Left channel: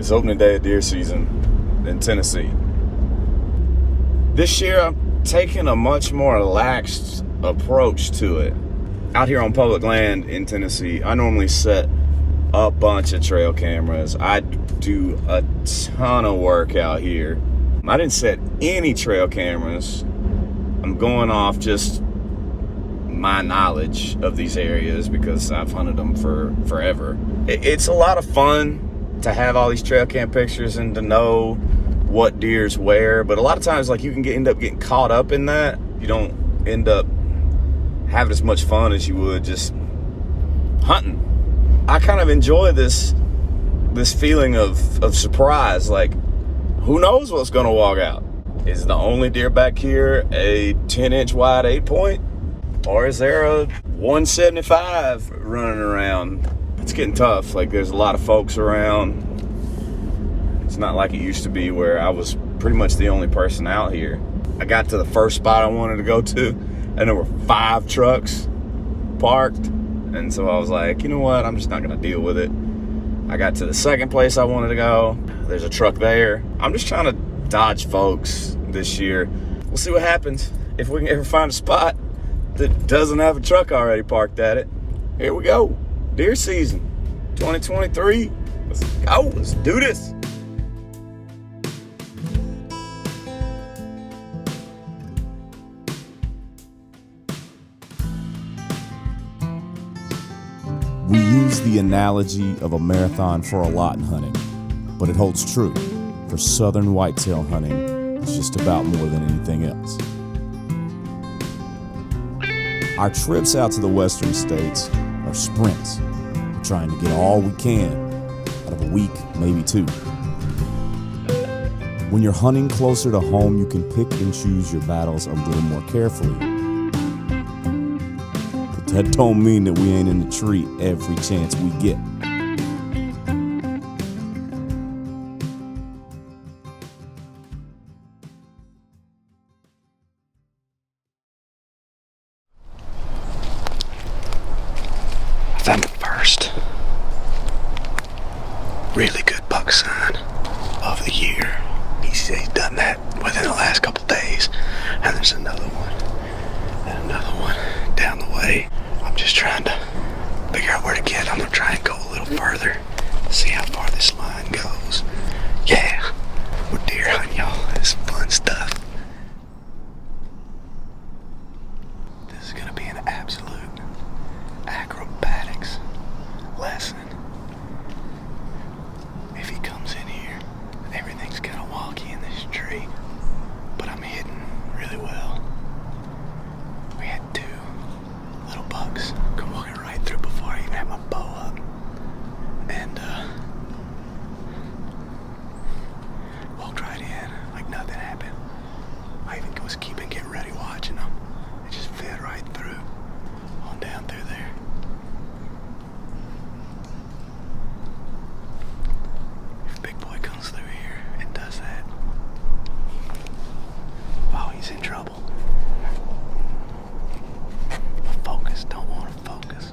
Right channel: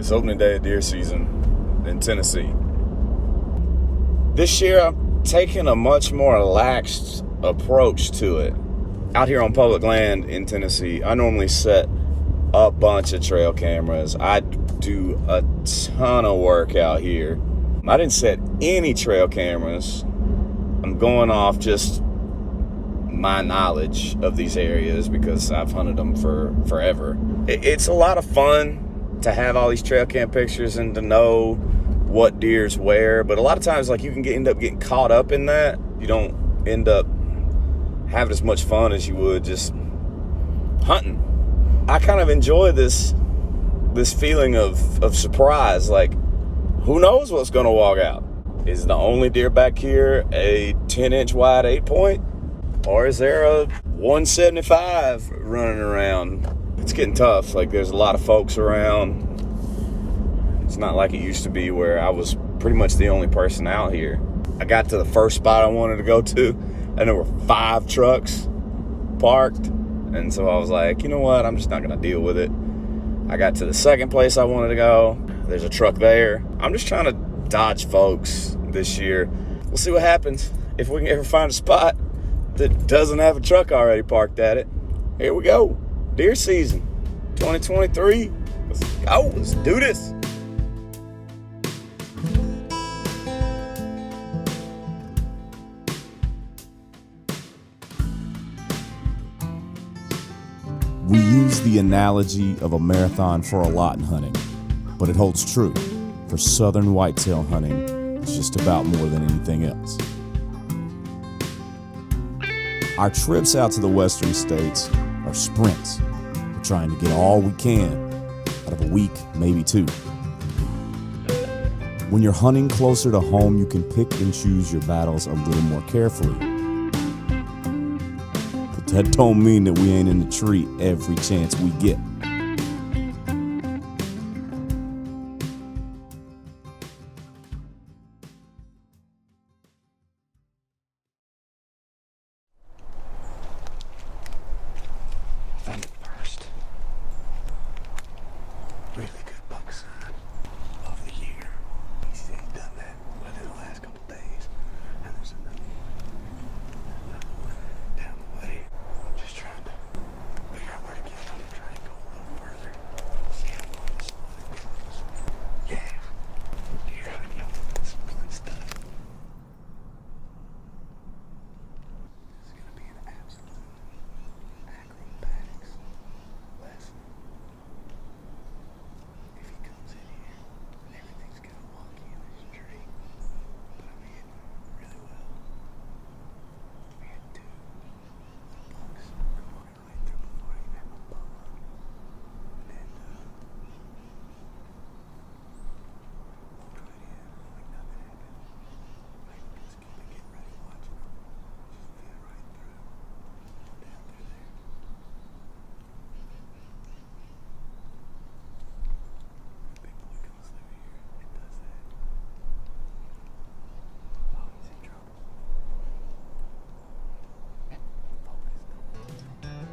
It's opening day of deer season in Tennessee. This year, I'm taking a much more relaxed approach to it. Out here on public land in Tennessee, I normally set a bunch of trail cameras. I do a ton of work out here. I didn't set any trail cameras. I'm going off just my knowledge of these areas because I've hunted them for forever. It's a lot of fun to have all these trail cam pictures and to know what deer's where, but a lot of times like you can end up getting caught up in that. You don't end up having as much fun as you would just hunting. I kind of enjoy this feeling of surprise. Like, who knows what's gonna walk out? Is the only deer back here a 10-inch wide 8-point? Or is there a 175 running around? It's getting tough. Like, there's a lot of folks around. It's not like it used to be where I was pretty much the only person out here. I got to the first spot I wanted to go to, and there were 5 trucks parked. And so I was like, you know what? I'm just not going to deal with it. I got to the second place I wanted to go. There's a truck there. I'm just trying to dodge folks this year. We'll see what happens. If we can ever find a spot that doesn't have a truck already parked at it. Here we go. Deer season 2023. Let's go. Let's do this. We use the analogy of a marathon for a lot in hunting, but it holds true. For southern whitetail hunting, it's just about more than anything else. Our trips out to the western states are sprints. We're trying to get all we can out of a week, maybe 2. When you're hunting closer to home, you can pick and choose your battles a little more carefully. But that don't mean that we ain't in the tree every chance we get. I found the first really good buck sign of the year. He's done that within the last couple days. And there's another one and another one down the way. I'm just trying to figure out where to get. I'm gonna try and go a little further, see how far this line goes. Yeah, we're deer hunting, y'all. It's fun stuff. This is gonna be an absolute acrobatics lesson. If he comes in here, everything's kind of wonky in this tree, but I'm hidden really well. We had 2 little bucks come walking right through before I even had my bow up, and walked right in like nothing happened. I even was keeping get ready watching them. It just fed right through on down through there. If Big Boy comes through here and does that, oh, he's in trouble. Focus, don't want him focus.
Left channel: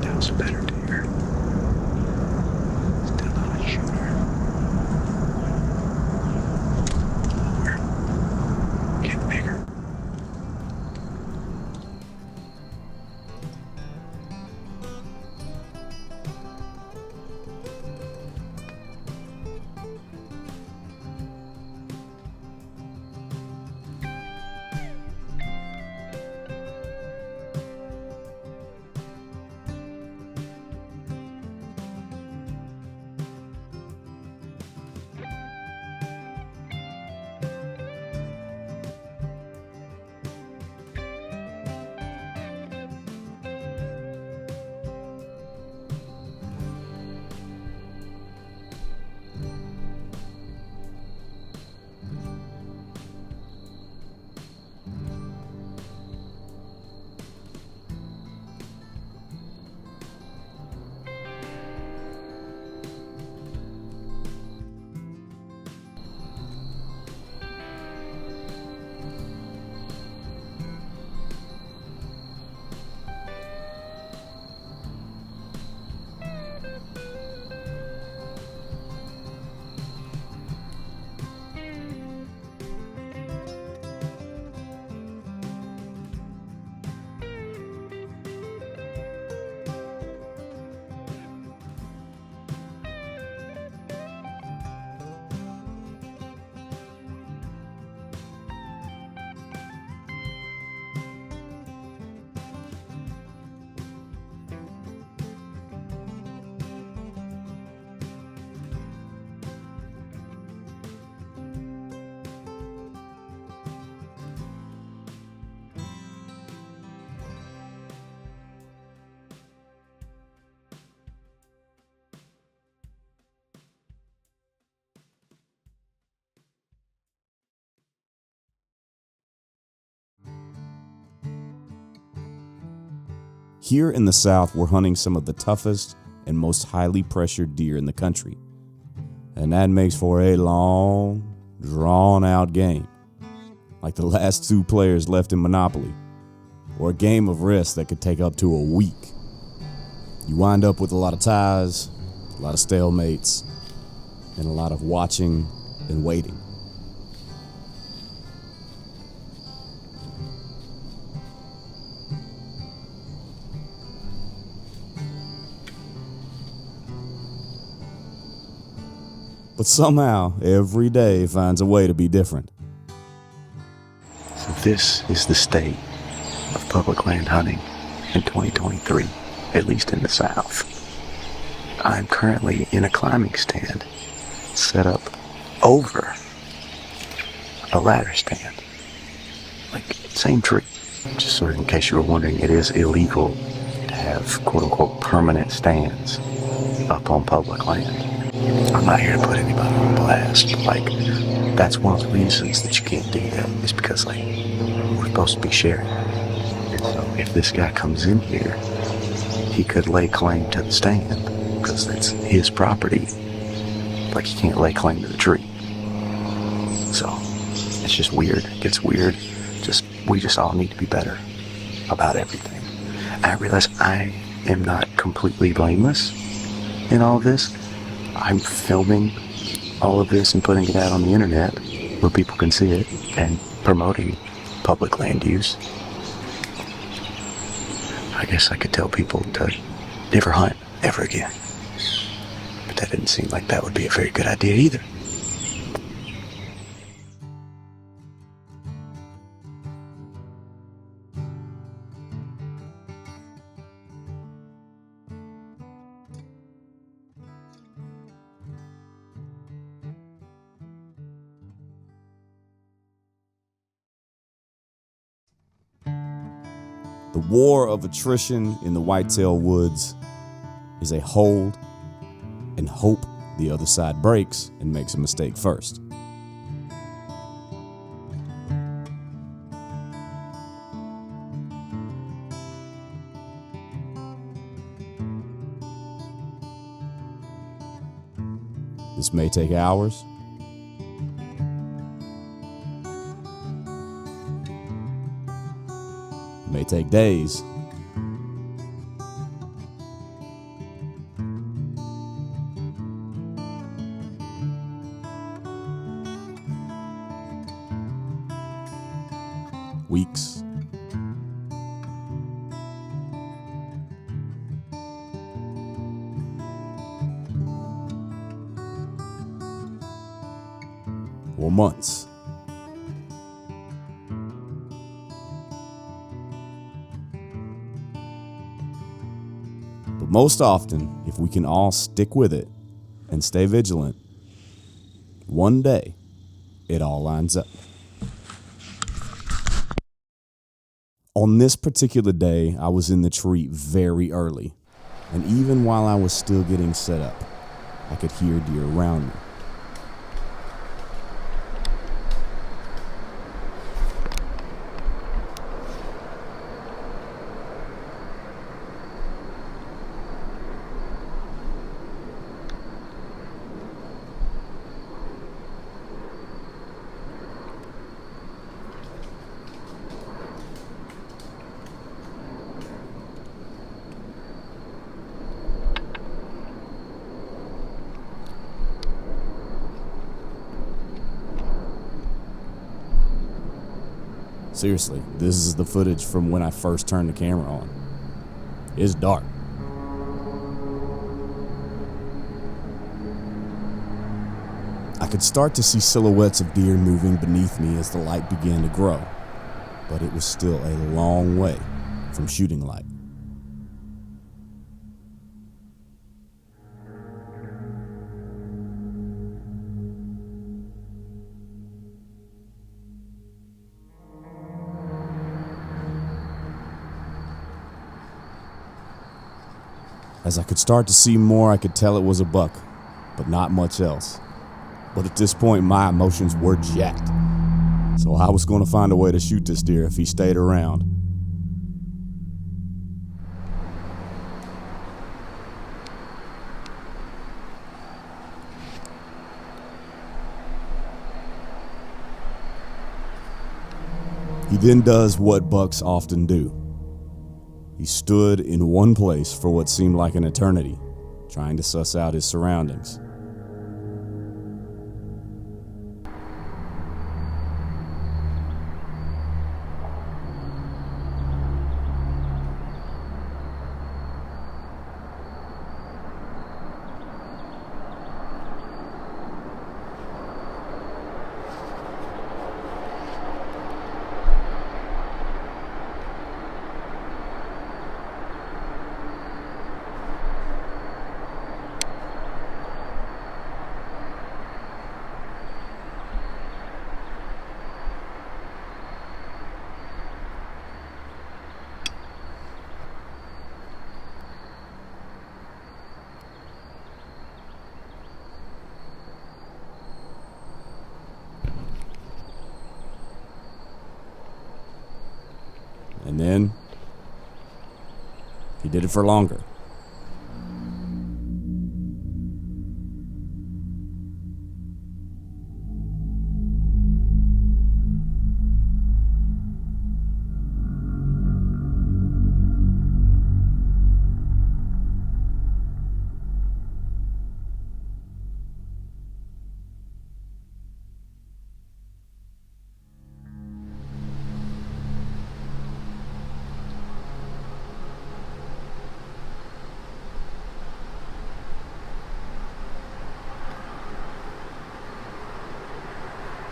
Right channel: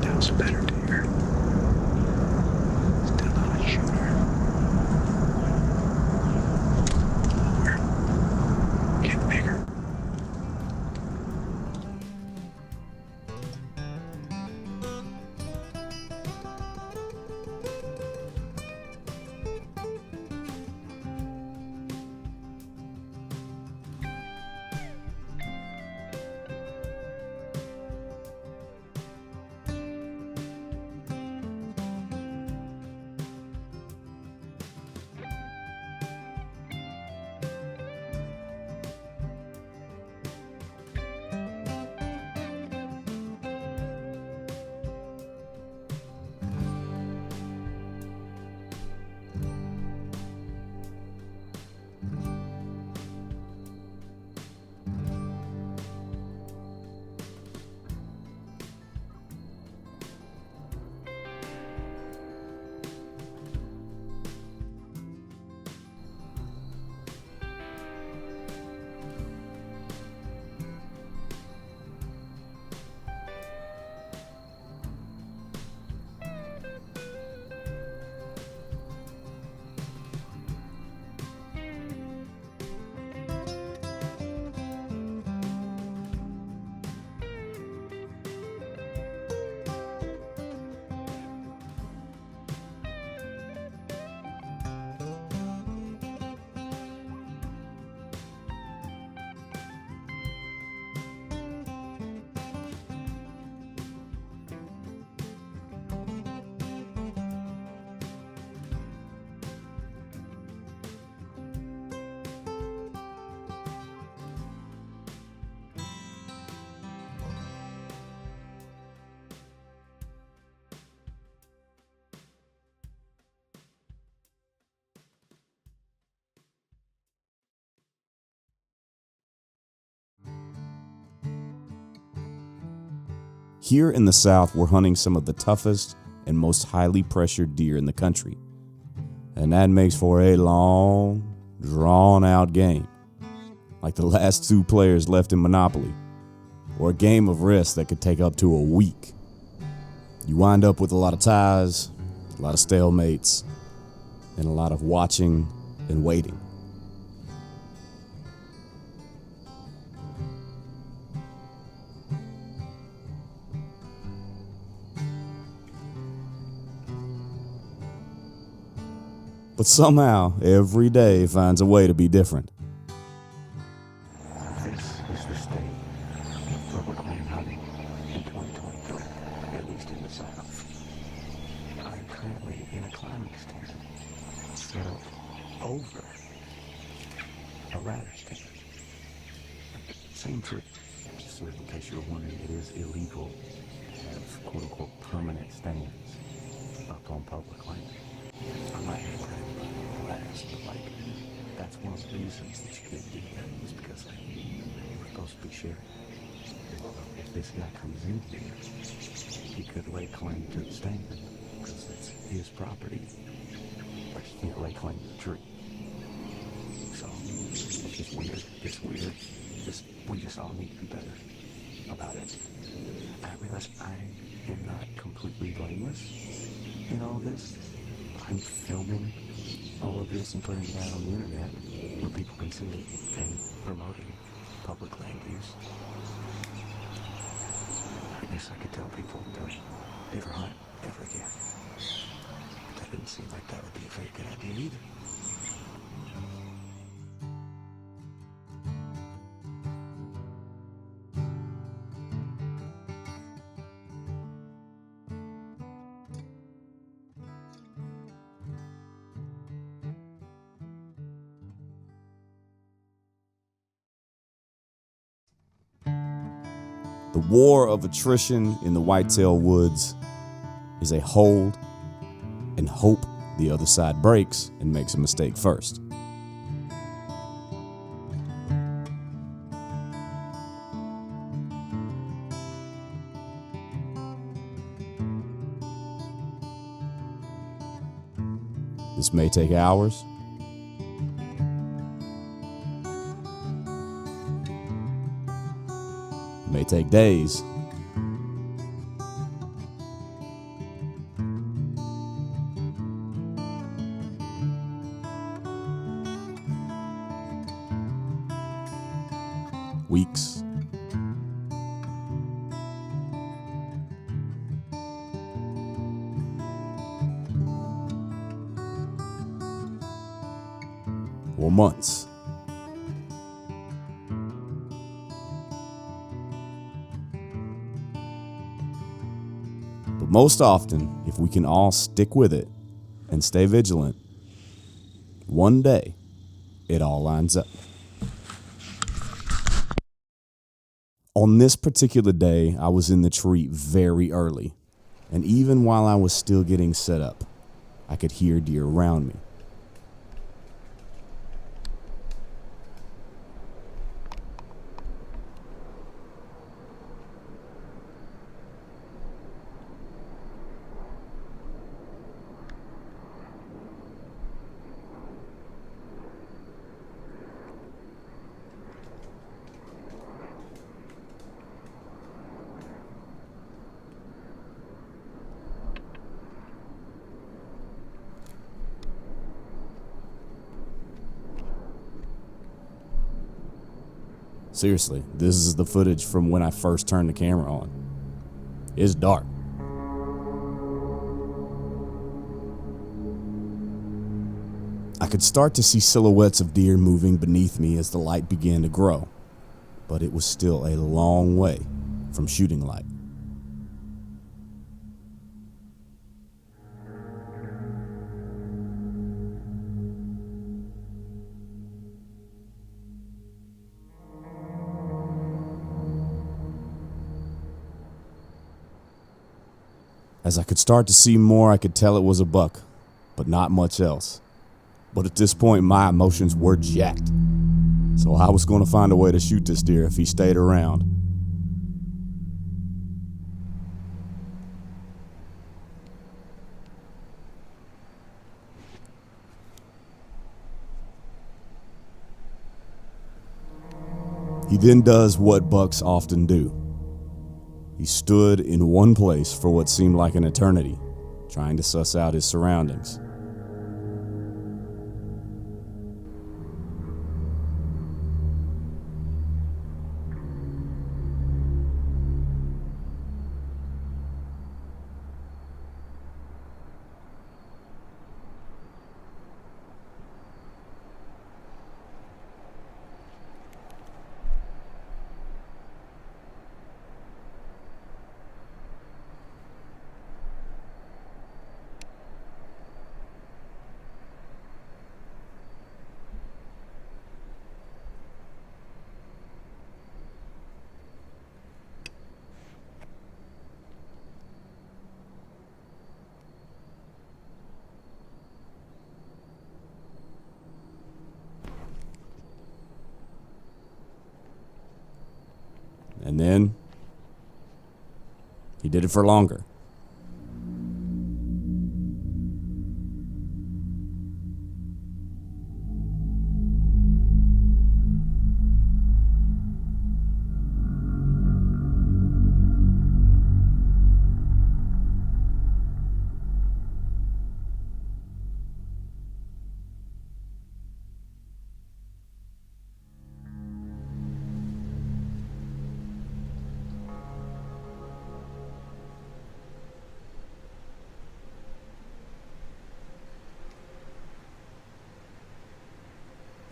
That was a better deer. Still not a shooter. Lower. Getting bigger. Here in the South, we're hunting some of the toughest and most highly pressured deer in the country. And that makes for a long, drawn-out game, like the last two players left in Monopoly, or a game of Risk that could take up to a week. You wind up with a lot of ties, a lot of stalemates, and a lot of watching and waiting. But somehow, every day finds a way to be different. So this is the state of public land hunting in 2023, at least in the South. I'm currently in a climbing stand set up over a ladder stand. Like, same tree. Just sort of in case you were wondering, it is illegal to have quote-unquote permanent stands up on public land. I'm not here to put anybody on blast, but like, that's one of the reasons that you can't do that, is because like, we're supposed to be sharing. And so if this guy comes in here, he could lay claim to the stand because that's his property. Like, he can't lay claim to the tree. So it's just weird. It gets weird. We just all need to be better about everything. I realize I am not completely blameless in all of this. I'm filming all of this and putting it out on the internet where people can see it and promoting public land use. I guess I could tell people to never hunt ever again. But that didn't seem like that would be a very good idea either. The war of attrition in the whitetail woods is a hold and hope the other side breaks and makes a mistake first. This may take hours. It may take days. Weeks. Or months. But most often, if we can all stick with it and stay vigilant, one day it all lines up. On this particular day, I was in the tree very early, and even while I was still getting set up, I could hear deer around me. Seriously, this is the footage from when I first turned the camera on. It's dark. I could start to see silhouettes of deer moving beneath me as the light began to grow, but it was still a long way from shooting light. As I could start to see more, I could tell it was a buck, but not much else. But at this point, my emotions were jacked. So I was going to find a way to shoot this deer if he stayed around. He then does what bucks often do. He stood in one place for what seemed like an eternity, trying to suss out his surroundings. And then he did it for longer.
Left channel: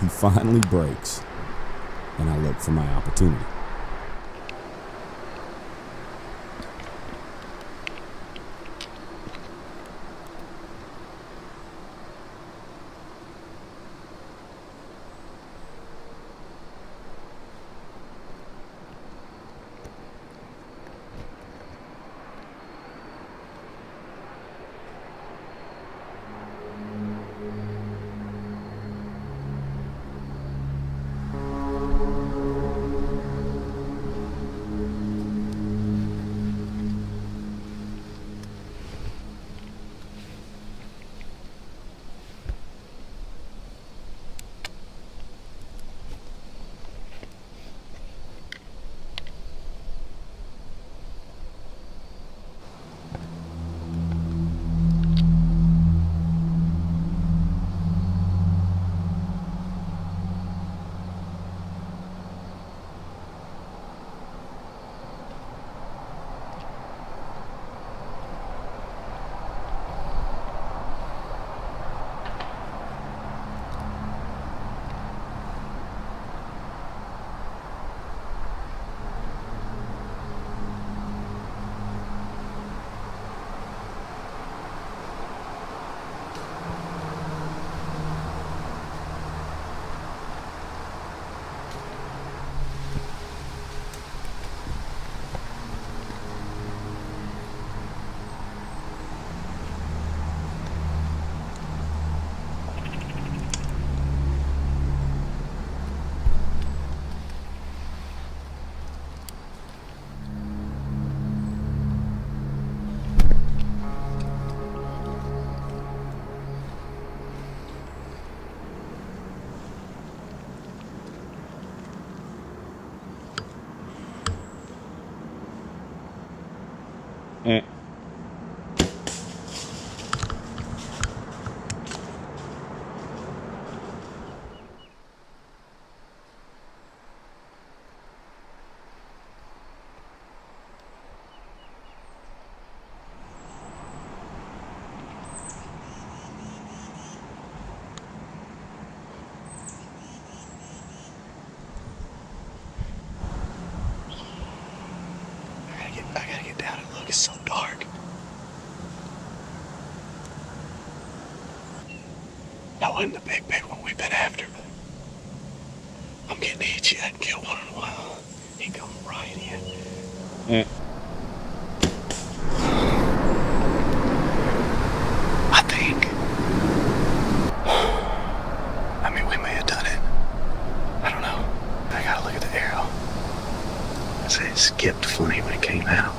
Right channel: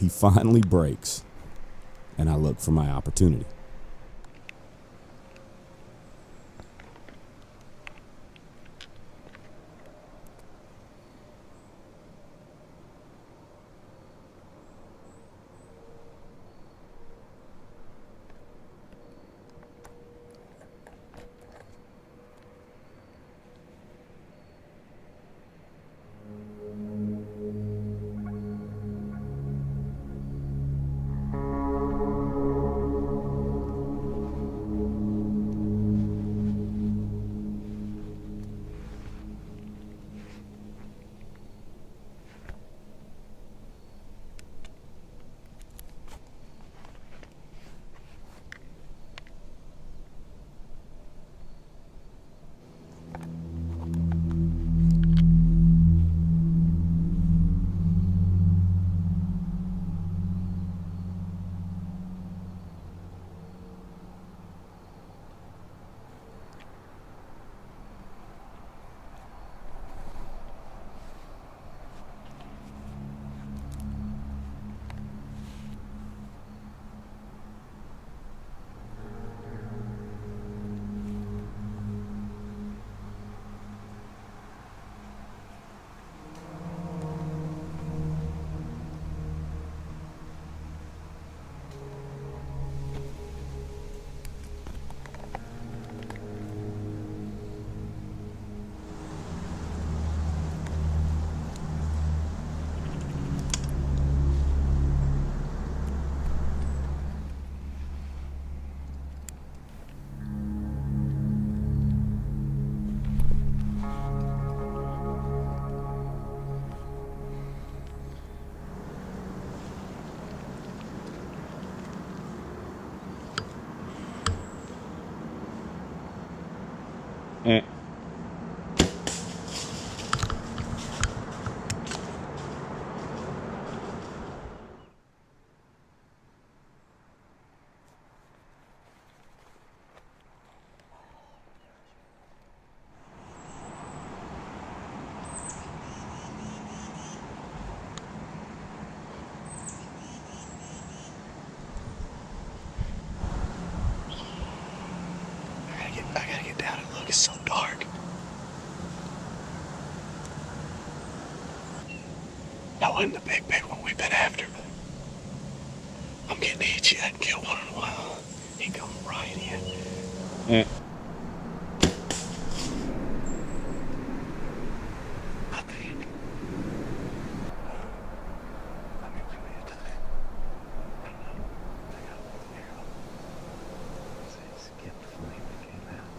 He finally breaks, and I look for my opportunity. I gotta get down and look. It's so dark. That wasn't the big one we've been after, but I'm getting itchy. I hadn't killed one in a while. He come right in. I think. I mean, we may have done it. I don't know. I gotta look at the arrow. I say it skipped funny when it came out.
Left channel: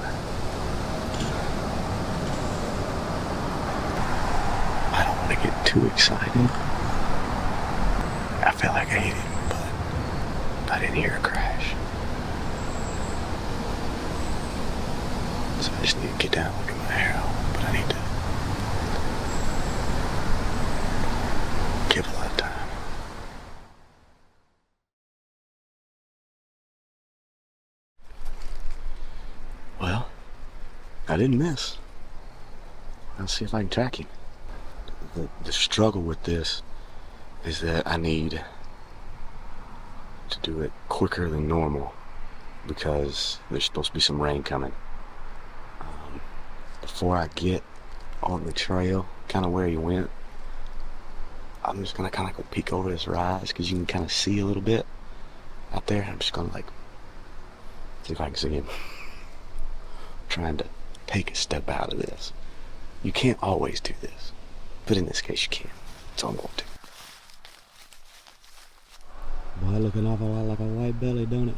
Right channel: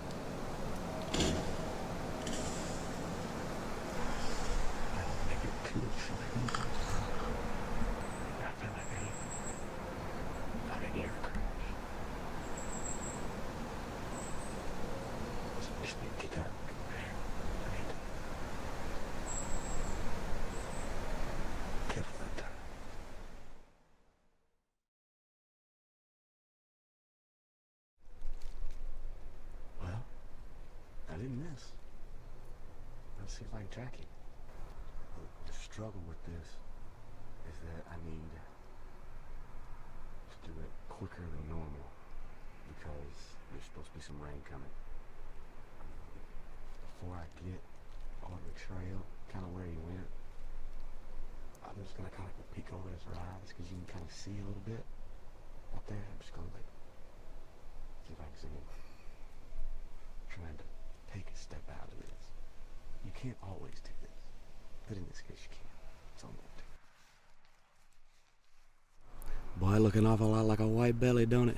I don't want to get too excited. I felt like I hit him, but I didn't hear a crash. down and get my hair out, but I need to give a lot of time. Well, I didn't miss. Let's see if I can track him. The struggle with this is that I need to do it quicker than normal because there's supposed to be some rain coming. Before I get on the trail, kind of where he went, I'm just gonna kind of go peek over this rise because you can kind of see a little bit out there. I'm just gonna like see if I can see him. I'm trying to take a step out of this. You can't always do this, but in this case you can. So I'm going to. Boy, looking an awful lot like a white belly, don't it?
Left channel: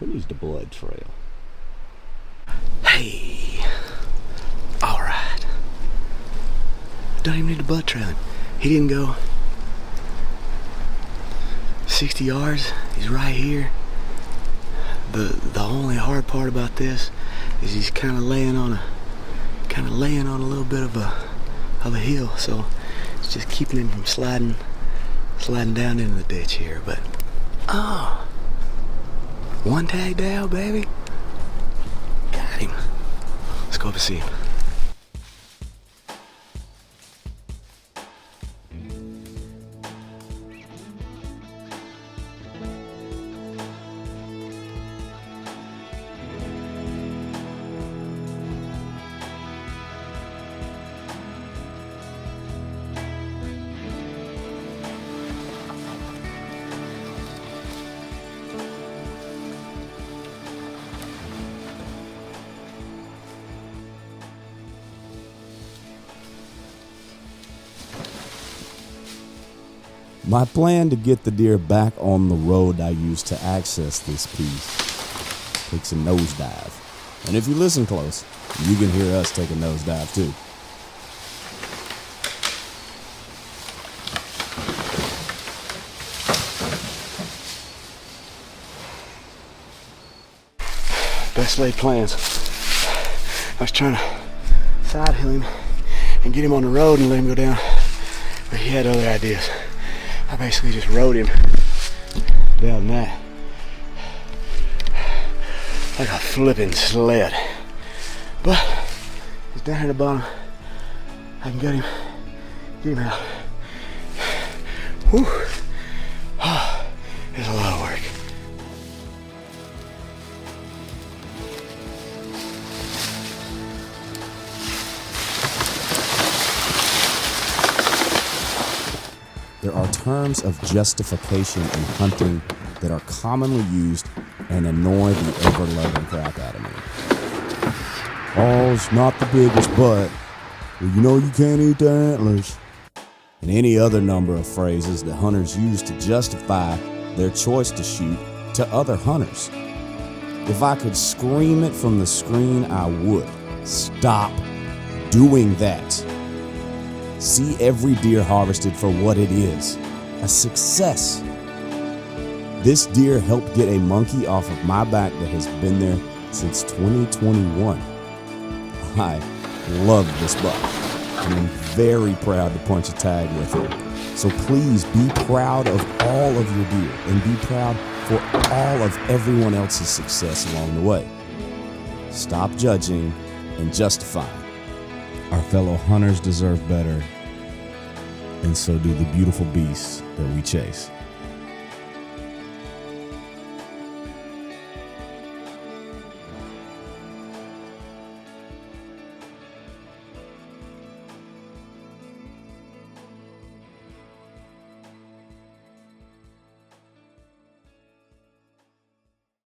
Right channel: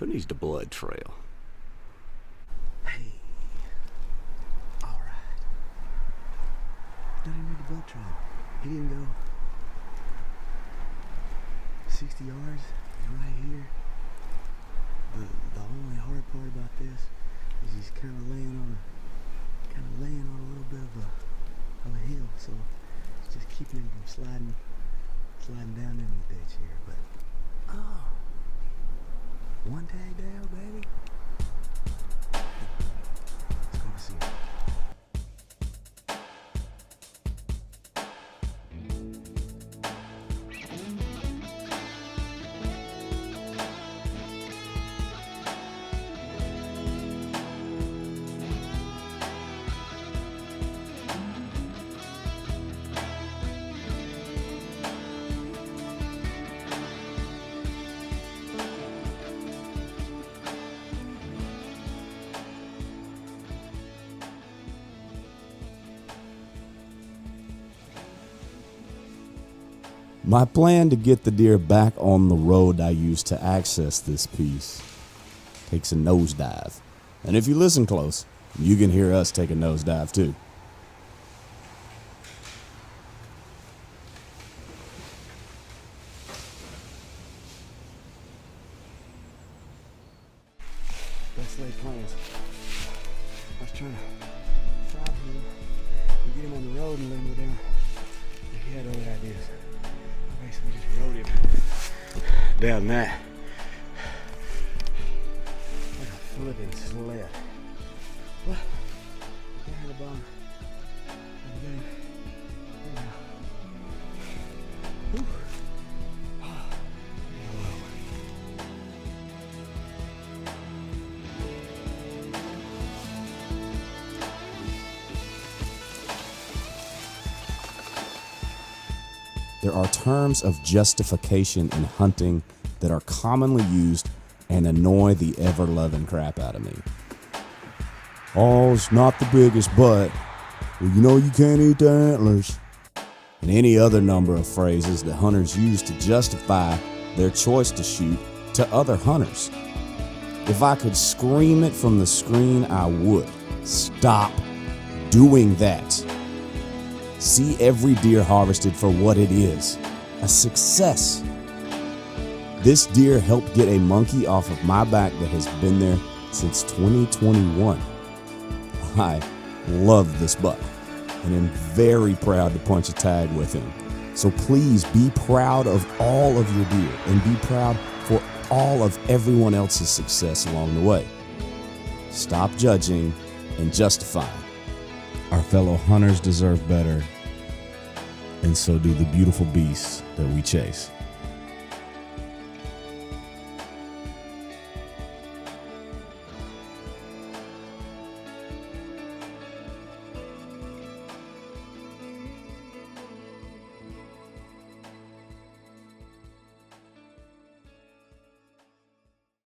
Who needs the blood trail? Hey, all right. Don't even need the blood trailing. He didn't go 60 yards. He's right here. The only hard part about this is he's kind of laying on a little bit of a hill, so it's just keeping him from sliding down into the ditch here. But oh, one tag down, baby. Got him. Let's go up and see him. My plan to get the deer back on the road I used to access this piece takes a nosedive. And if you listen close, you can hear us take a nosedive too. Best laid plans. I was trying to side hill him and get him on the road and let him go down, but he had other ideas. I basically just rode him down that like a flipping sled. But he's down here at the bottom. I can get him out. Whew. Oh, it's a lot of work. There are terms of justification in hunting that are commonly used and annoy the ever-loving crap out of me. Oh, it's not the biggest, but, well, you know you can't eat the antlers. And any other number of phrases that hunters use to justify their choice to shoot to other hunters. If I could scream it from the screen, I would. Stop doing that. See every deer harvested for what it is, a success. This deer helped get a monkey off of my back that has been there since 2021. I love this buck and am very proud to punch a tag with him. So please be proud of all of your deer and be proud for all of everyone else's success along the way. Stop judging and justifying. Our fellow hunters deserve better, and so do the beautiful beasts that we chase.